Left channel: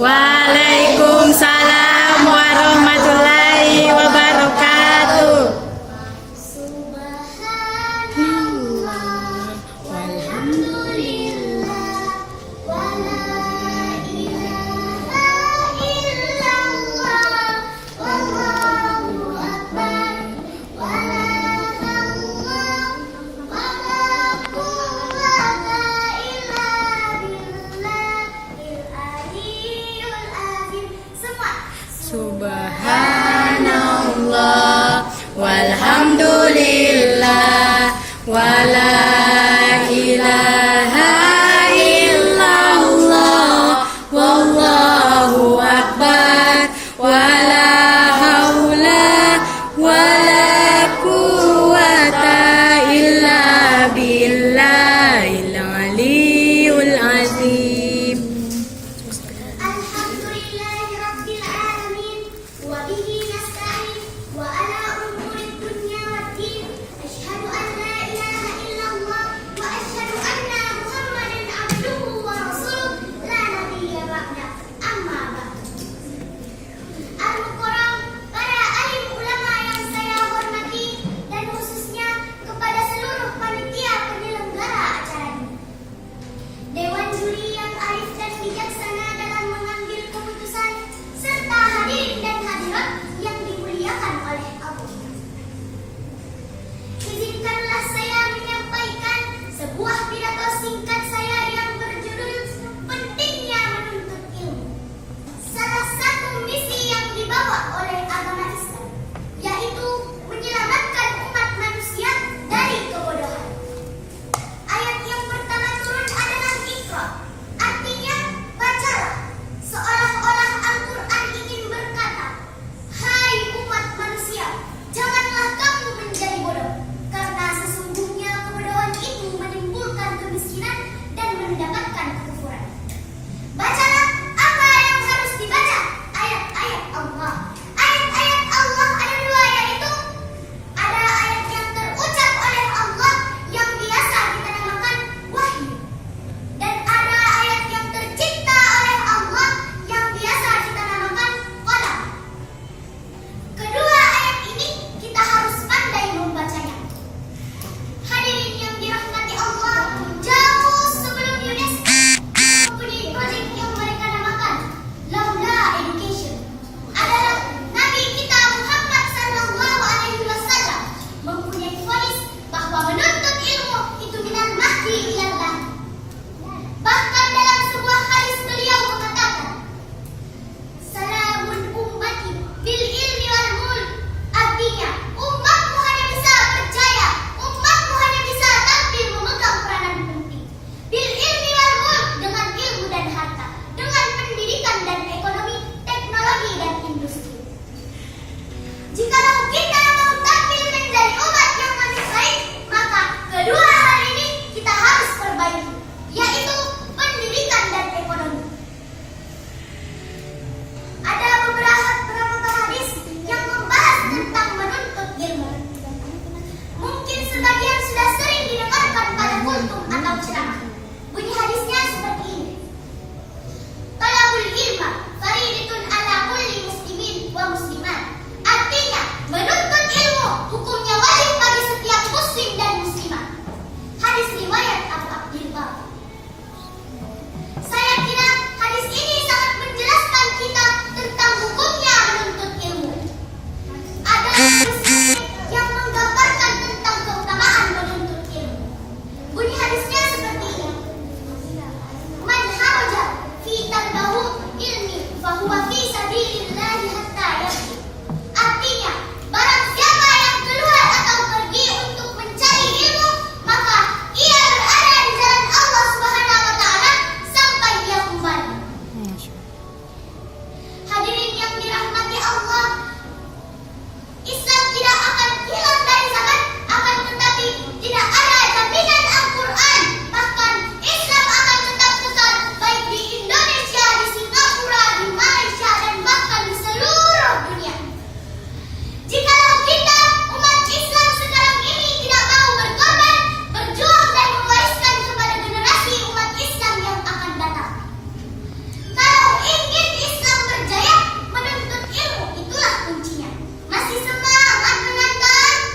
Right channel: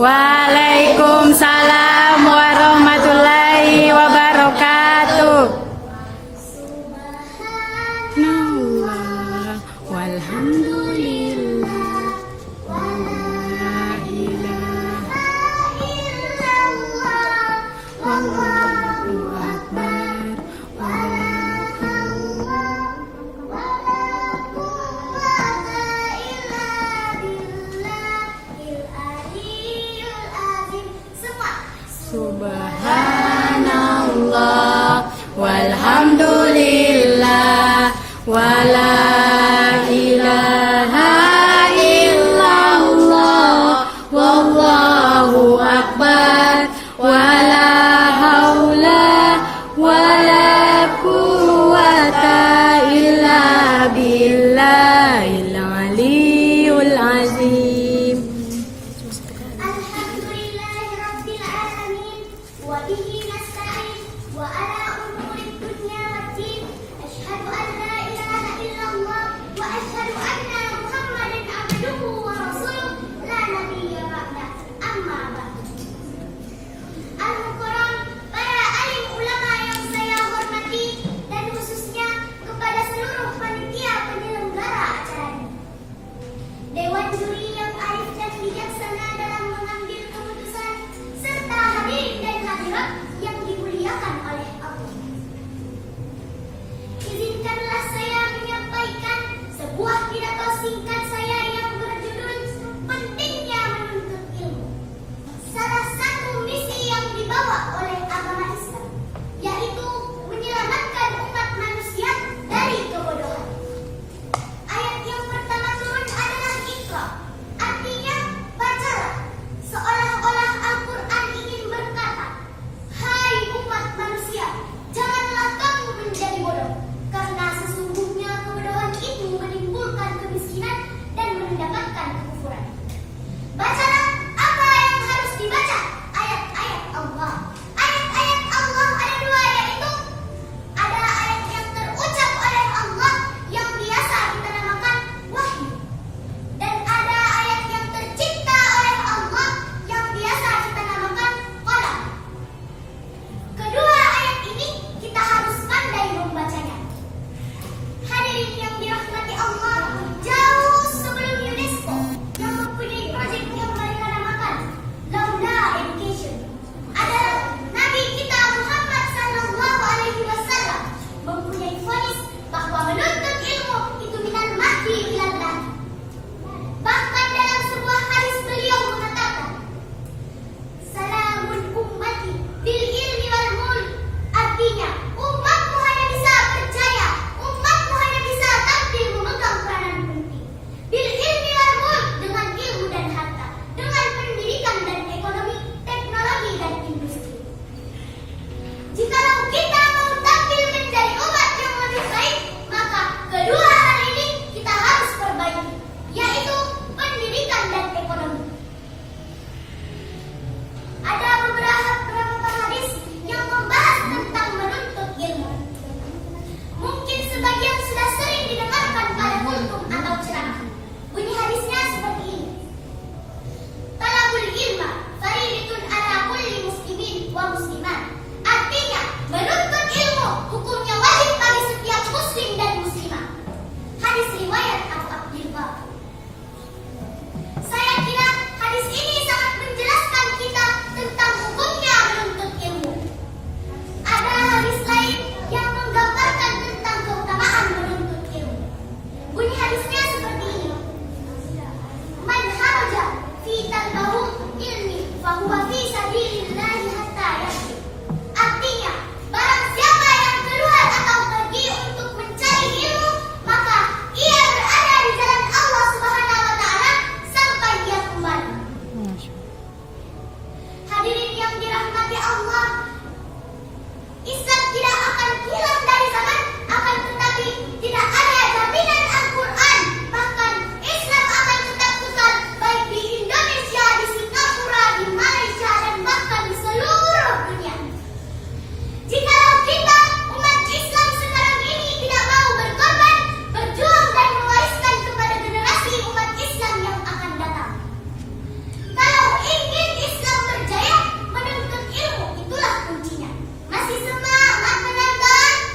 Waalaikumsalam warahmatullahi wabarakatuh. Subhanallah walhamdulillah wala ilaha illallah wallahu akbar wala haula wala quwwata illa billahil aliyyil azim. Subhanallah walhamdulillah wala ilaha illallah wallahu akbar wala haula wala quwwata illa billahil aliyyil azim. Alhamdulillahi rabbil alamin wa bihi nasta'in wa ala umuri dunya wad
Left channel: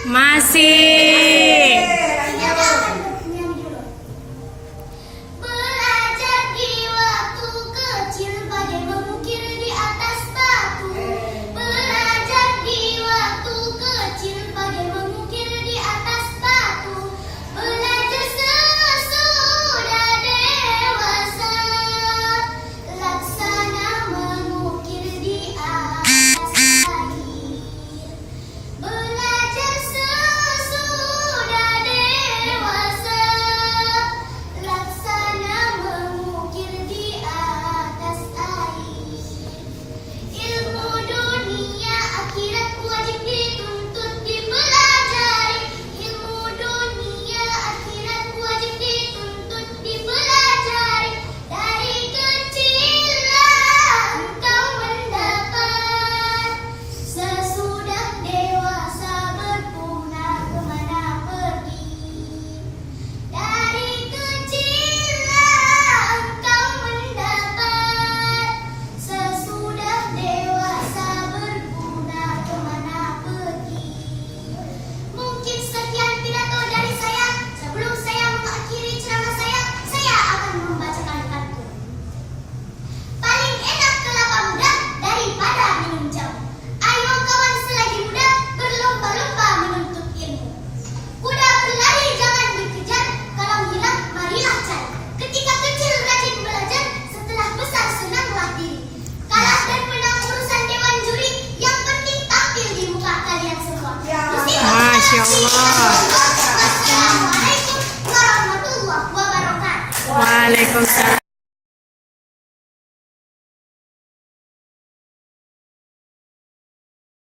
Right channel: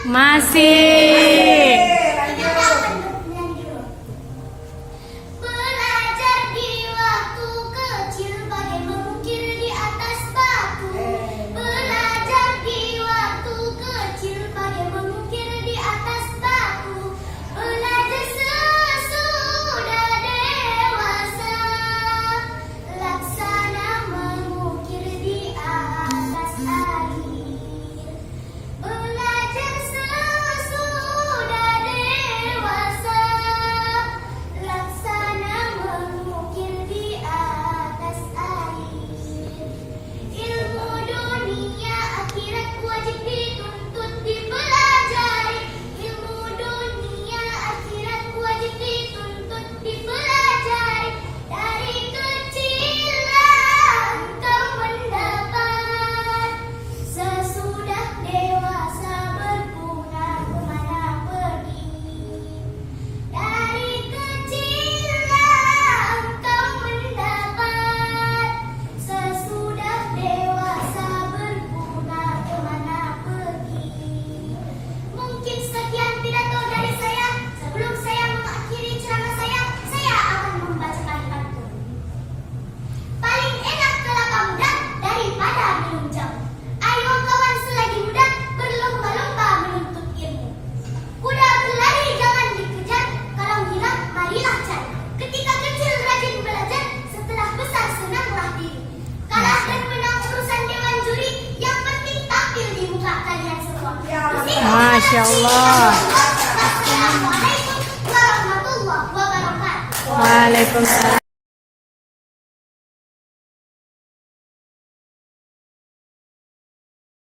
Masih. Belajar di waktu kecil bagai mengukir di atas batu. Belajar di waktu kecil bagai mengukir di atas batu. Belajar sesudah dewasa, laksana mengukir di atas air. Belajar sesudah dewasa, laksana mengukir di atas air. Ilmu dunia akhirat wajib dituntut dipelajari. Ilmu dunia akhirat wajib dituntut dipelajari. Dari kecillah engkau mendapat, sesudah dewasa berguna kemana pergi. Dari kecillah engkau mendapat, sesudah dewasa berguna kemana pergi. Mungkin sekian pidato dari saya. Sebelum saya mengakhiri ceramah saya akan membacakan pantun. Paling enak kelapa muda daripada minum jamu. Ayo kawan selagi muda berlomba-lomba menuntut ilmu. Kuda berlari jangan dikejar, kalau hilang marilah cari. Ketika kecil rajin belajar, setelah besar senanglah diri. Kalah dan menang urusan dewan juri, yang penting tampil di muka kalian semua. Masya Allah. Wassalamualaikum warahmatullahi wabarakatuh. Waalaikumsalam.